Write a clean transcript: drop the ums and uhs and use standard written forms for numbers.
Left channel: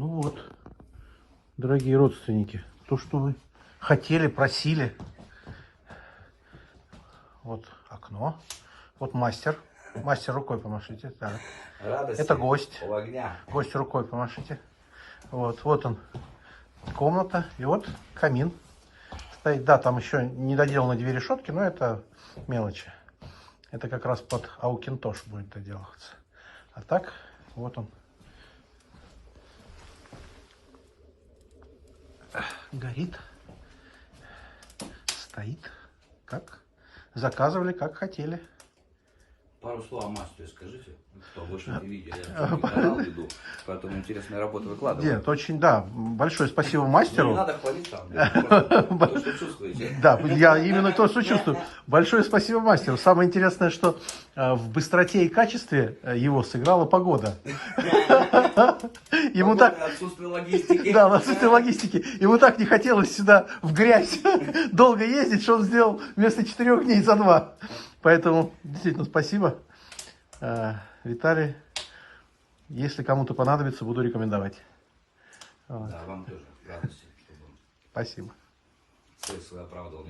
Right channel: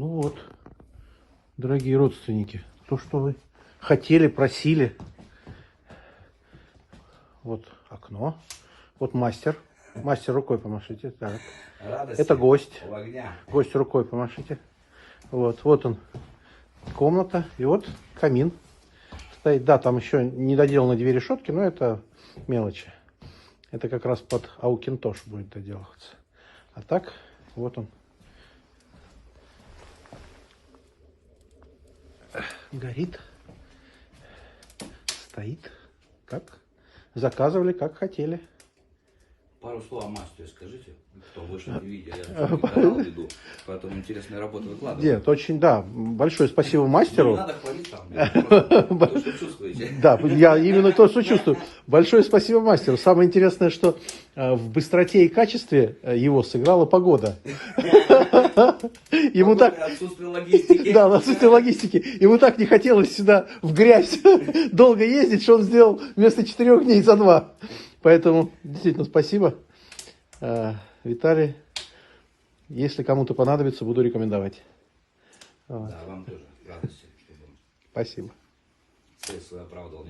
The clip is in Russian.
Ну вот, дорогие родственники, то, что вы хотели, просили. Вот окно. Вот мастер. Мастер, рукой помашите. Так. Радости, Это гость. у огня. Гость, рукой помашите. Вот он, комната. И вот камин стоит. Да, там еще не доделаны две решетки, но это мелочи. Это как раз под аукинтош будет доделываться. А так, вот он. Горит. Стоит. Как заказывали, как хотели. Пару слов о мастере скажите, кто больше не видел. Я же не канал веду, поэтому интересные работы выкладываю. Нет, очень, да. Большое спасибо Ну, мастеру. не надо хвалить там, то, что чувствуете. Да, я именно то, что чувствую. Большое спасибо мастеру. Самое интересное, что в быстроте и качестве его сыграла погода. Ему так... Отсутствие логистики. Да, отсутствие логистики. Ему так не хотелось сюда в грязь долго ездить, что он сделал вместо 4 дней за 2. Поэтому действительно спасибо, Виталий. Если кому-то понадобится, буду рекомендовать. Да, вам тоже радости, чтобы Спасибо. цель свою оправдывал.